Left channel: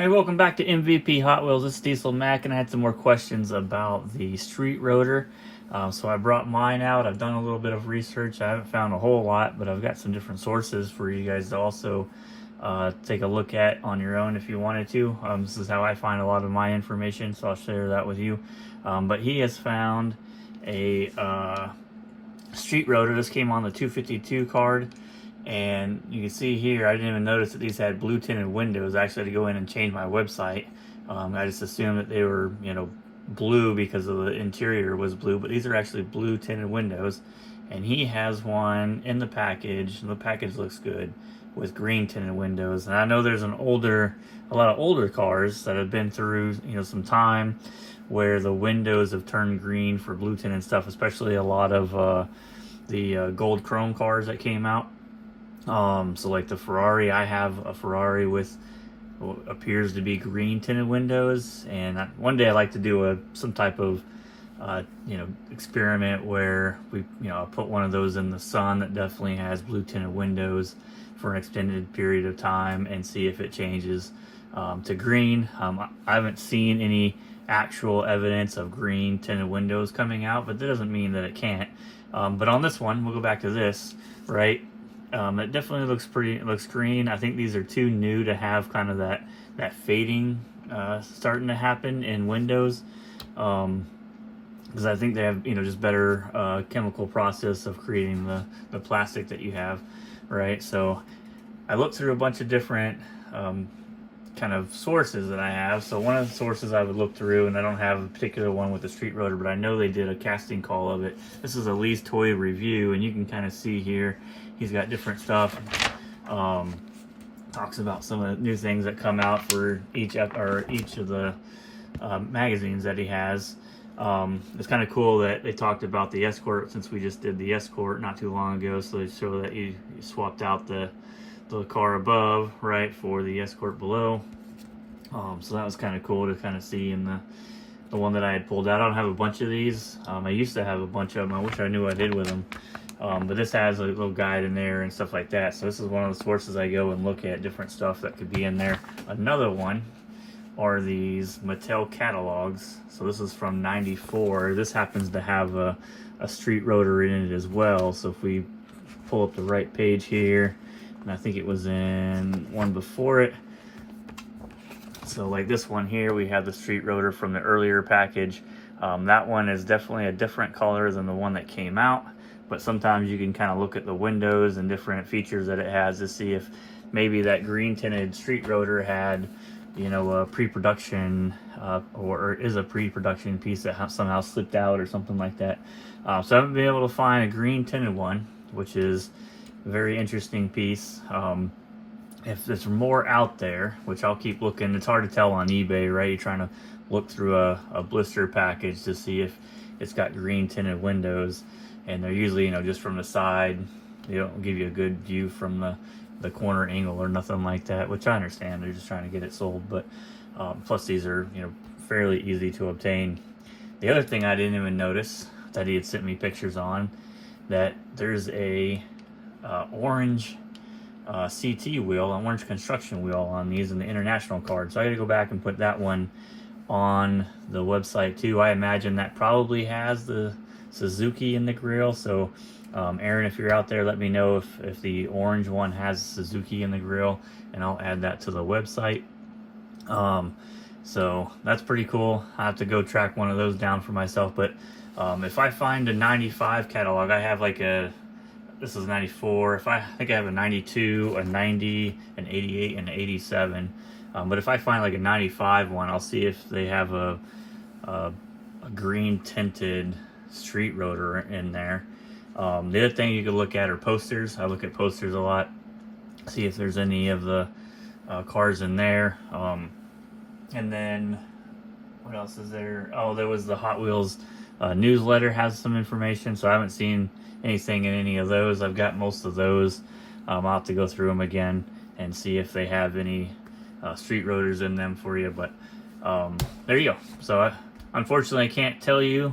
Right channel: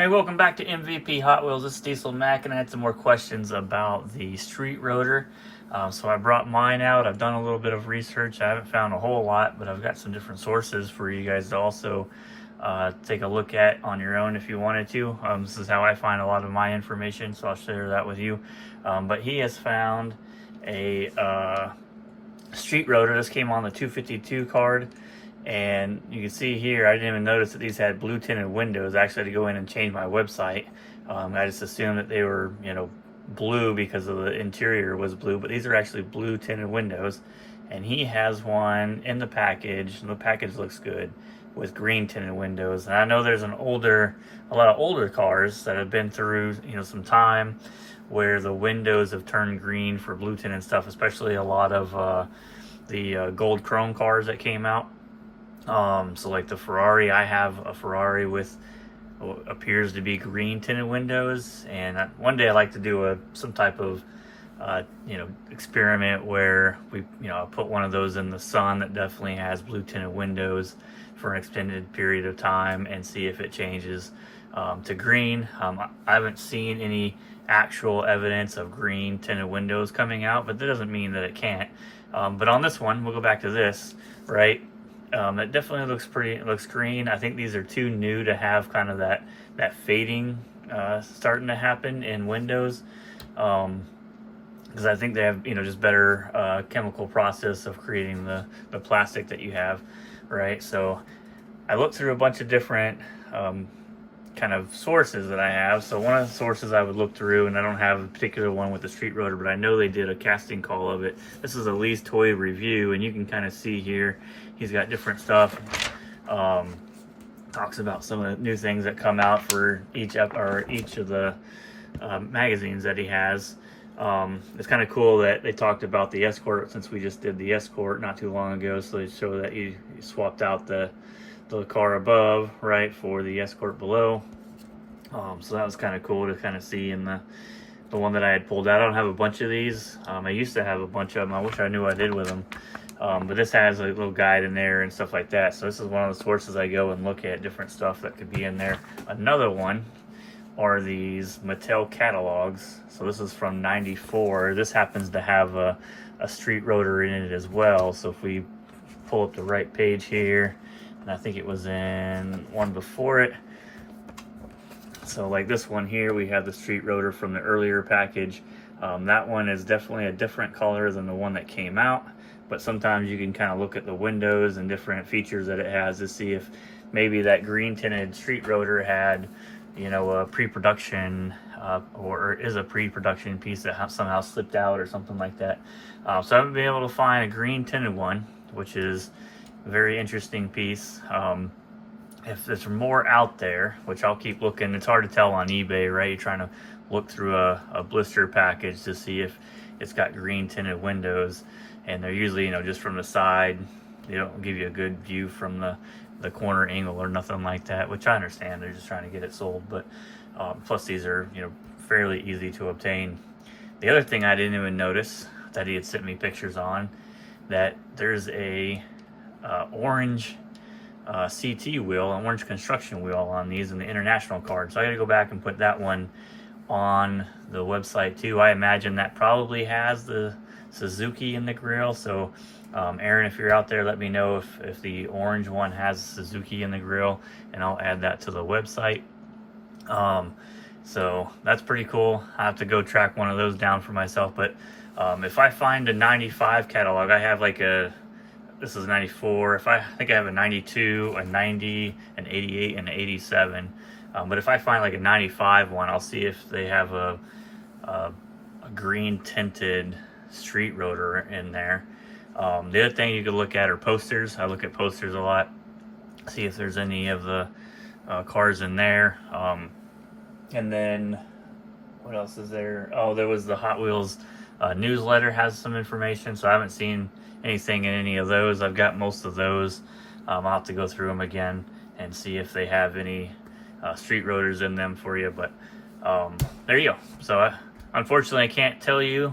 Hey, welcome back to MVP Hot Wheels. This is Diesel Mac, and I had some more questions about the street rotor. So I brought mine out. I've done a little bit of research. I haven't found a whole lot, but I've got some different sources for you guys to also take a look at on your own if you wanted to. This is how I find a lot of my information, so I'll share that with you. But he has found a street rotor. This came on the 252 card. And you can see here, I didn't even notice that these had blue tinted windows. I actually had to go in and change my website. I just assumed that they were, blue because of the interior was blue, but these are actually blue tinted windows. And he has one in the package, and the package looks good, with green tinted windows. And I know there's a lot of older cars that have been through, some time where the windows have turned green for blue tinted stuff, especially a lot of the gold chrome cars that came out. So like the Ferrari, I have a Ferrari with what appears to be green tinted windows, and one day I'd like to do some type of experiment where we I put one of those in the sun that definitely has blue tinted windows for an extended period of time and see if it changes to green. I haven't seen any actual evidence of green tinted windows coming out, but that doesn't mean that it can't. But on this one, we'll go back to this, right? It definitely looks green. I think these are too new to have kind of that fading starting to happen in windows, because I think they have just better chemical process of creating the plastic that you have, right? So I looked through a bunch of different kind of sources that I have. So one of the sources I would look through, and I don't have a particular one with the street rotor, but I know they did a casting call of it. This is a Lee's Toy Review, and you can kind of see here he's got different stuff. Talks about some of the new things that come out for each of the magazines that he has. It's kind of cool that they talked about the Escort, since we just did the Escort not too long ago. So they show that he swapped out the car above, right, for the Escort below. So that was kind of cool to kind of see in the one that I had pulled out. I don't have a bunch of these. I used to have a bunch of them. I wish I knew what I did with them. But this has a little guide in there and stuff like that. So this is one of the sources I go and look at different stuff that could be in there. Another one are these Mattel catalogs. So this is from '94. This happens to have a street rotor in it as well. So if we pull up the right page here, and I think it was in one before it. So like this one here, we have the street rotor from the earlier package. That one is definitely a different color than the one that came out, but sometimes you can kind of look at the windows and different features that it has to see if maybe that green tinted street rotor had, a pre-production or is a pre-production piece that somehow slipped out or something like that. So I haven't been able to find a green tinted one, which is very interesting piece. If there's more out there, which I'll keep looking, it's hard to tell on eBay, right? You're trying to look through a blister package to see if it's got green tinted windows, and they're usually just from the side. They don't give you a good view from the corner angle or nothing like that, which I understand. They're just trying to get it sold, but plus these are fairly easy to obtain. The other thing I didn't even notice that he had sent me pictures on, that there's a orange CT wheel, an orange construction wheel on these in the international card. So I gotta go back and put that one on the website too. I imagine that probably has the Suzuki in the grill. So Aaron, if you're out there, let me know if the orange one has Suzuki in the grill, and I'll add that to the website. So that's pretty cool. I have to go track one of those down for myself. But if I find a 95 catalog, I have like this is 94. I think I have a 92, a 90, an 88, and an 87. But if I find like a 95 one, I'll see if they have a green tinted street rotor in there. The other thing you could look at are posters. I look at posters a lot, see if there's any of the cars in there. And then what else is there? Oh, there was the Hot Wheels newsletter, has some information. So I haven't seen anything in any of those. I've got most of those. I'll have to go through them again and see if they have any street rotors in them for you. But there you go. So unfortunately, I can't tell you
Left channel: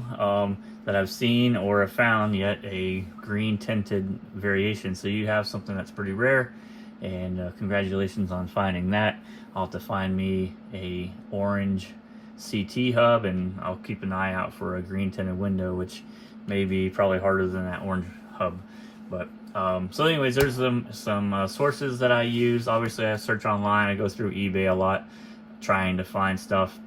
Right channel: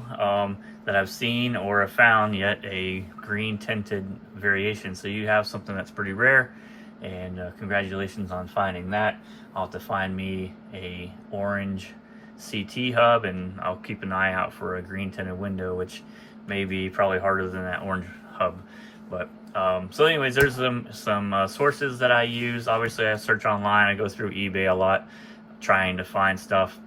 that I've seen or have found yet a green tinted variation. So you have something that's pretty rare, and congratulations on finding that. I'll have to find me a orange CT hub, and I'll keep an eye out for a green tinted window, which may be probably harder than that orange hub. But so anyways, there's some sources that I use. Obviously I search online, I go through eBay a lot trying to find stuff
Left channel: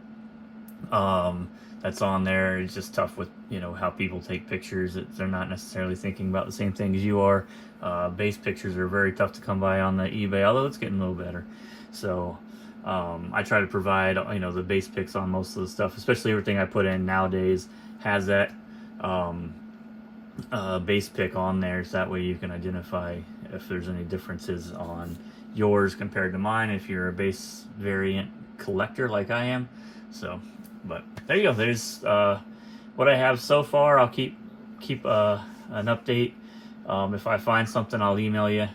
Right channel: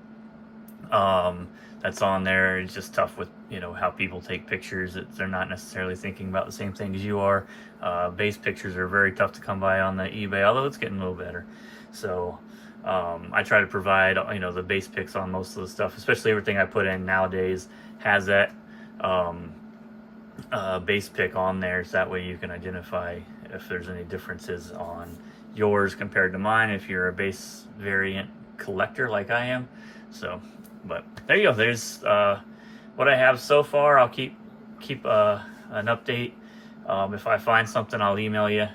that's on there. It's just tough with, you know, how people take pictures. They're not necessarily thinking about the same thing as you are. Base pictures are very tough to come by on the eBay, although it's getting a little better. So I try to provide, you know, the base pics on most of the stuff, especially everything I put in nowadays has that base pic on there, so that way you can identify if there's any differences on yours compared to mine, if you're a base variant collector like I am. So, but there you go. There's what I have so far. I'll keep an update. If I find something, I'll email you,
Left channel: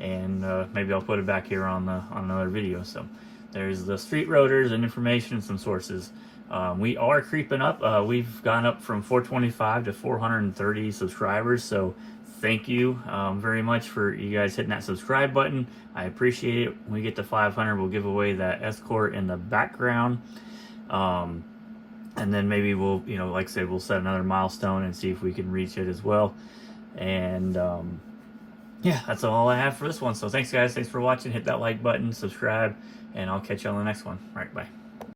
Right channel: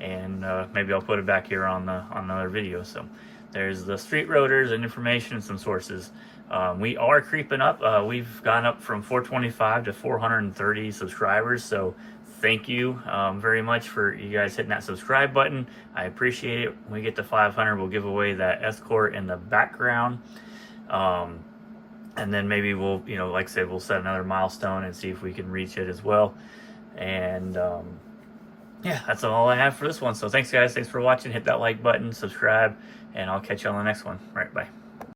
and maybe I'll put it back here on another video. So there's the street rotors and information and some sources. We are creeping up. We've gone up from 425 to 430 subscribers. So thank you very much for you guys hitting that subscribe button. I appreciate it. When we get to 500, we'll give away that Escort in the background. And then maybe we'll, you know, like I said, we'll set another milestone and see if we can reach it as well. And yeah, that's all I have for this one. So thanks guys. Thanks for watching. Hit that like button, subscribe, and I'll catch you on the next one. All right, bye.